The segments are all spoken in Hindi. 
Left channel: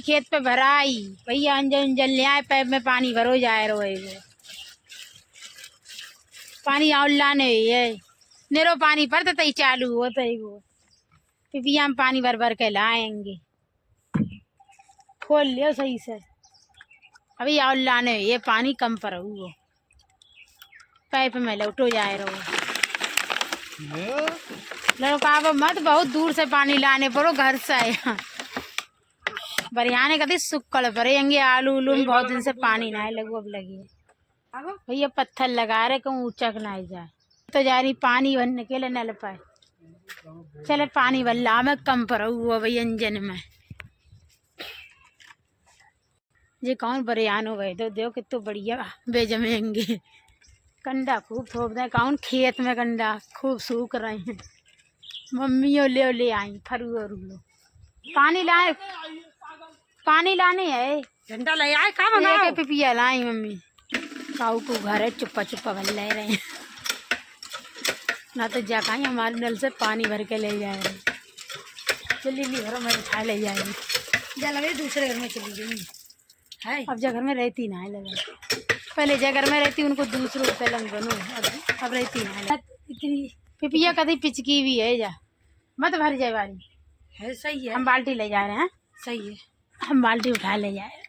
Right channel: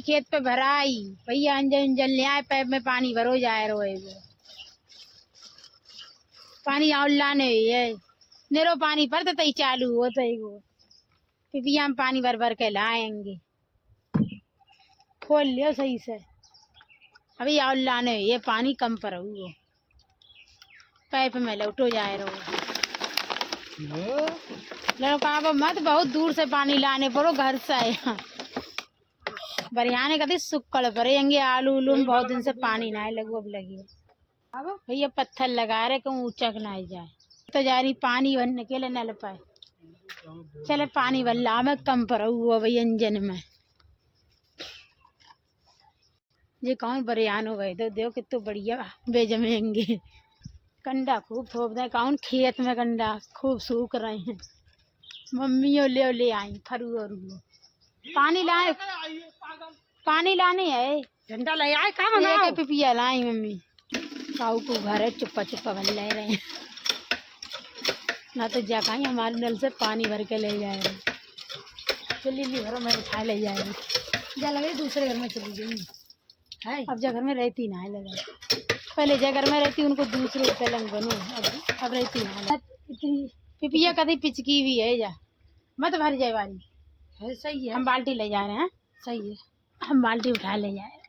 खेत पे भराई भैया अंजन उंजन ले आए, पैप में पानी भरो जाए रहे वो पानी और लाने है नेरो पानी पर तो तई चालू हो तो वो पिपिया में पानी भर भर के लाएंगे। खोल लियो सही से अभी और लाने ये पानी कम पर वो पैप में लौटो जाए रहो लड़का मत बहुत दूर से पानी लाने पड़ो घर से बरियाने कभी सुक्कड़ भरेंगे आलू उलू में बहुत दिन से पानी ना लगो अब लगी अब भैया पत्थर लगा रहे कहूँ ऊंचक ना जाए तो जा रही पानी भरने के लिए नल पाए चले पानी भल्ला में कम पर हुआ भैया इंजन में ये कौन बरियान हो गए तो देखो कितो बढ़िया बेजमेंगे कंडा खूब थोप दे कौन खेत में कंडा खूब सूख रहे हैं मम्मी ले आई खरू और पानी लाने है झंडा ले आए कहाँ बनाओ पिपिया लाई मम्मी काऊ को घर है चुप्पा चुप्पा भर ले रहे हैं ना तो जा कहीं हमारे नल से पानी भर के ले जाए चली ली घरों में उठा ले जाएगी जा लगे दूसरे घर में चली गई है अब जा घर में रहती ना है लगा पहले जा घर में रहती उनको दूसरों पलंग बनो अब रहती ना इतनी पिपिया कभी पिचकी भी है जा मत भर जाए वाली है सही है हम बाल्टी ले जा रहे हैं सही है हम बाल्टी उठा ले जाए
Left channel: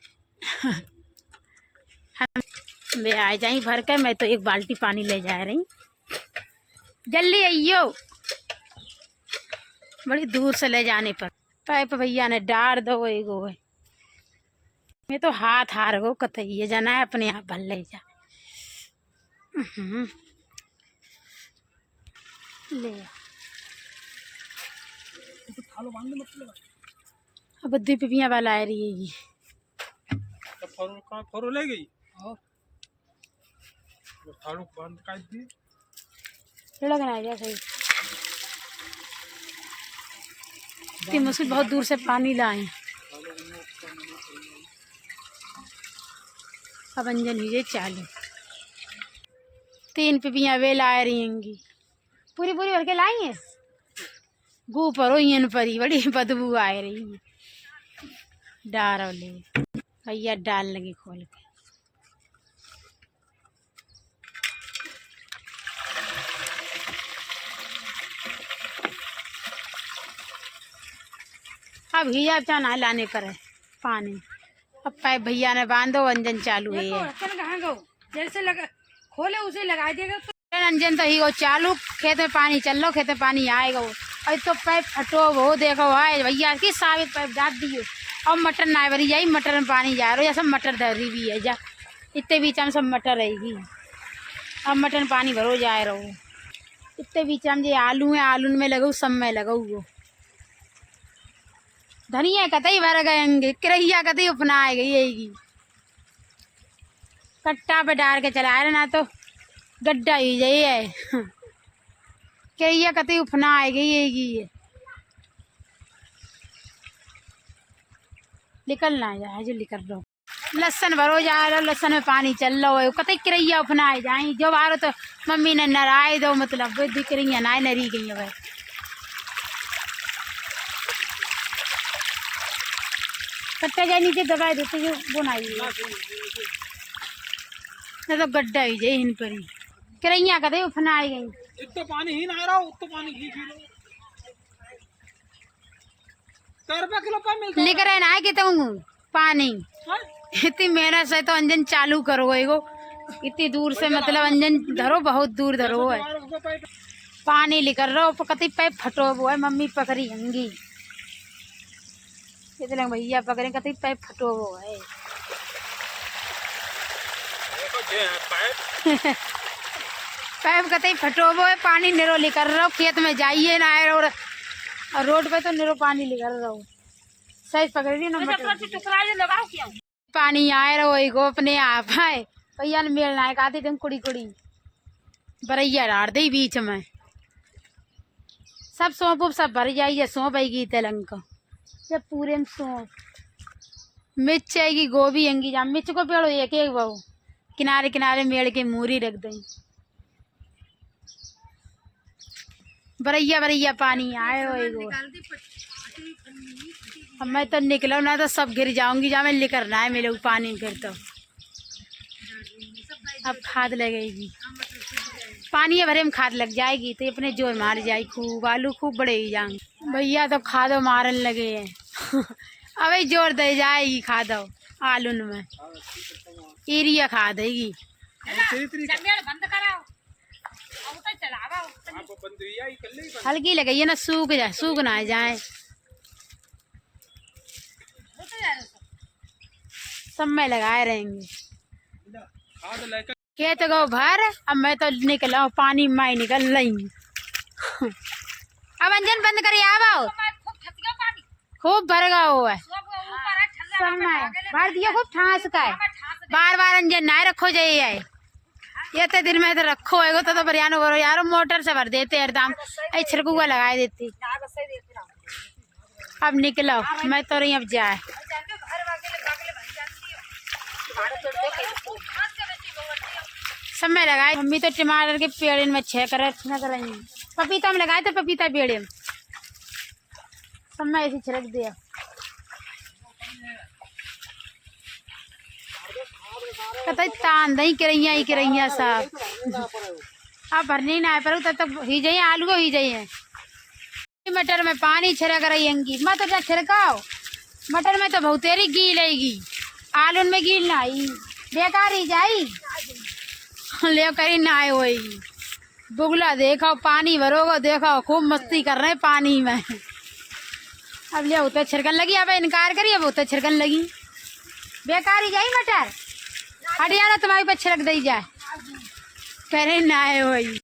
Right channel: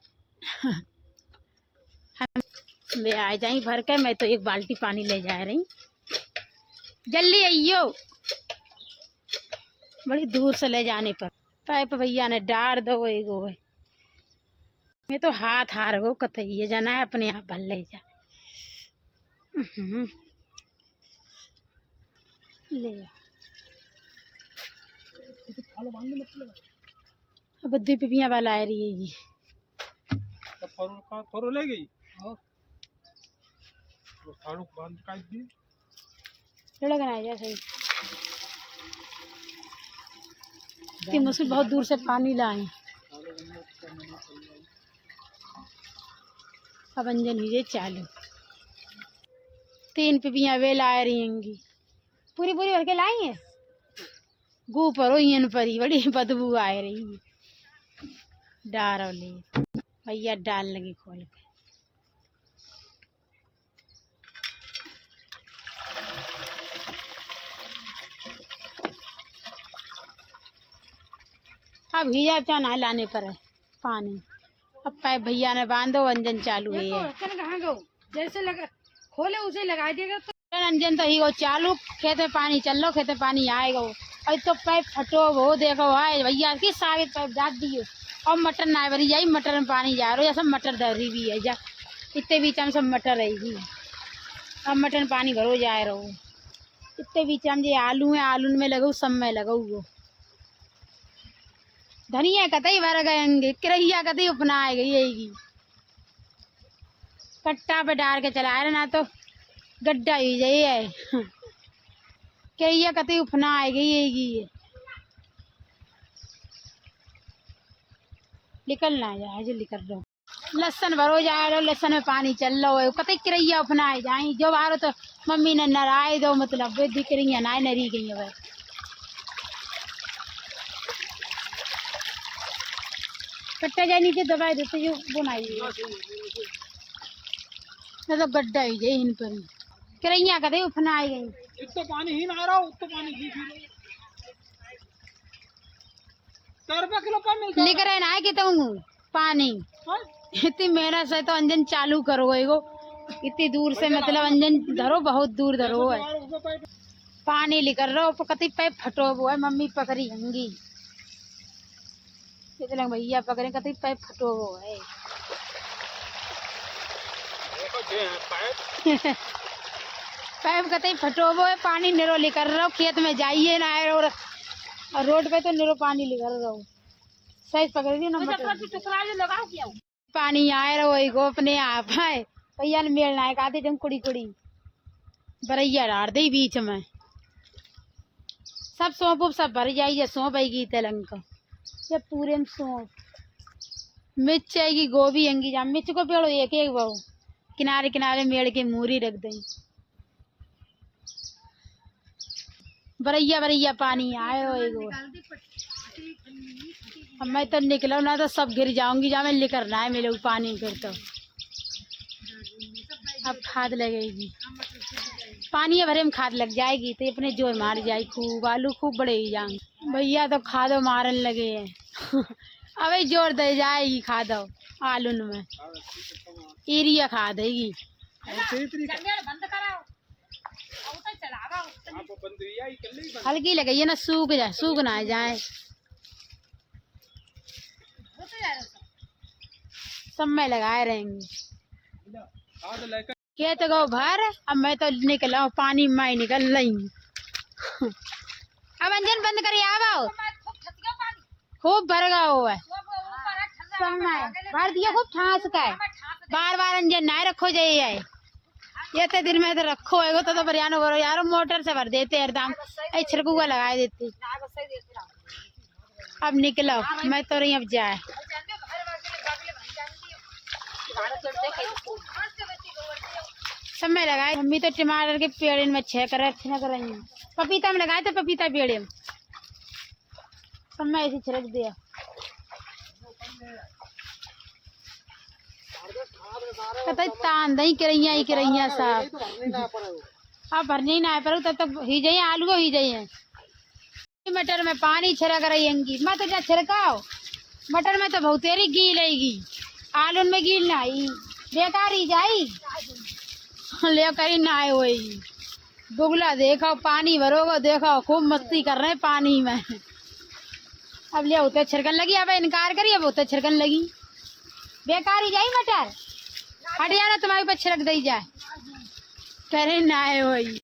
हम आ जाए भर कर मैं तो एक बाल्टी पानी ले जा रही जल्दी आइयो बड़ी दूर से ले जाने पर पाइप भैया ने डार दो एगो है ये तो हाथ हार गो कतई है जाना है अपने आप भर ले जा ले अब बद्दी पिपिया वाला आ रही है ये फरो ले गई थाड़ू बांध काट दी लगना है सही इतनी मुश्किल बहुत दूर से पानी लाए अब अंजन ही चालू 3 पिपियाँ वे ला रही होंगी पूरी पूरी भर के लाई है गू पर इन परी बड़ी बदबू आ रही है डारो ले भैया डाल लगी खोल के अब भैया चाना लाने पर है पानी अब पाइप भैया ने बांधो अंजन चालू है कहाँ गो जैसे लगा खोले उसे लगा देगा तो अंजन तो ही वो चालू खेत में पानी चल लो खेत में पानी आएगा वो और तो पाइप फटो वो देखो आए भैया की साबित पाइप डाल दियो और मटर ना भरी जाई मटर में पानी जा रहा है सब मटर धरी भी है जा इतने बीच में सब मटर रहेगी अब मटर में पानी भरो जा रहा हो इतने बीच में जो आलू है आलू में लगाऊ सब में लगाऊ वो धनिया कतई भर गएंगे करैया कतई अपनाए गई कट्टा पे डाल के चला रहे ना तो गड्ढा ही जाइए करैया कतई उपनाए गई निकलना है जल्दी कर दो लहसन भरो जा रहा लहसन में पानी चल रहा है कतई करैया अपनाए जाए जो बारो तो मम्मी ने नराए दो मतलब दिख रही है ना नरी गई है कट्टा जा नीचे दबाई देते जो बनाई ना तो गड्ढा ही जाए इन पर ही करैया कतई उपनाए गई इतना पानी ही ना आ रहा उतना पानी घी पी लो 4 रुपया किलो पानी मिलता लेकर आना है कि तुम पानी इतनी मेहनत से तो अंजन चालू करो एगो इतनी दूर से मतलब अंजन धरो बहुत दूर धरो है पानी लेकर रहो कतई पैप फटो वो है मम्मी पकड़ी होंगी इतने भैया पकड़े कतई पैप फटो वो है पैप कतई फटो वो है पानी निरो लेकर रहो खेत में जाइए ना और रोड पे तो निरो पानी लेकर रहो सही पकड़ ली ना लगाओ क्या पानी आए रहो एगो अपने आप है भैया ने मेल ना आते तुम कुड़ी कुड़ी बरैया डार दे बीच में सब सौंप सब भर जाइए सौंप आएगी तेलंग को जब पूरे में सौंप मिर्च आएगी गोभी आएंगी जहाँ मिर्च को पेड़ो एक एक बहु किनारे किनारे मेड़ के मूरी रख दें बरैया बरैया पानी आए हो एगो अब मैं तो निकलो ना तो सब गिर जाऊंगी, जा मैं लेकर ना है मेरे पानी में फिर तो। अब खाद लगेगी, पानी है भरे में खाद लग जाएगी तो अपने जोर मार जाएगी खूब, आलू खूब बड़े ही जाएंगे। भैया तो खादो मारन लगे हैं अबे जोर दे जाएगी खादो आलू में, यूरिया खाद देगी। हल्की लगी है ना, सूख ना जाए। सब में लगाए रहेंगे खेत गो भर। अब मैं तो निकला पानी में निकल रही अब अंजन बंद करिए, आओ खूब भर गया हुआ है सब में भर दिया खूब ठास का है। बार बार अंजन ना रखो जाइए, ये तो दिन में तो रखो है तो बरियानो भरो यार, मोटर से भर देते एकदम छिड़कुआ लगा देती। अब निकलो मैं तो रही अब जाए। सब में लगाए, मम्मी तो टमाटर के पेड़ में छिड़क रही है, पपीता में लगाए थे पपीता पेड़ में सब में ऐसे छिड़क दिया। तान दही करैया सब अब भरने ना पर तब ही जाइए आलू ही जाइए। मटर में पानी छिड़क रही अंगी मत तो छिड़काओ, मटर में तो बहुतेरी गील आएगी, आलू में गील ना आई बेकार ही जाई ले करी ना आए वही बुगला देखो पानी भरोगो देखो खूब मस्ती कर रहे पानी में। अब ले तो छिड़कन लगी, अब इनकार करिए वो तो छिड़कन लगी बेकार ही जाई मटर हटियाना तुम्हारी पे छिड़क दी जाए, कह रहे ना आए वही।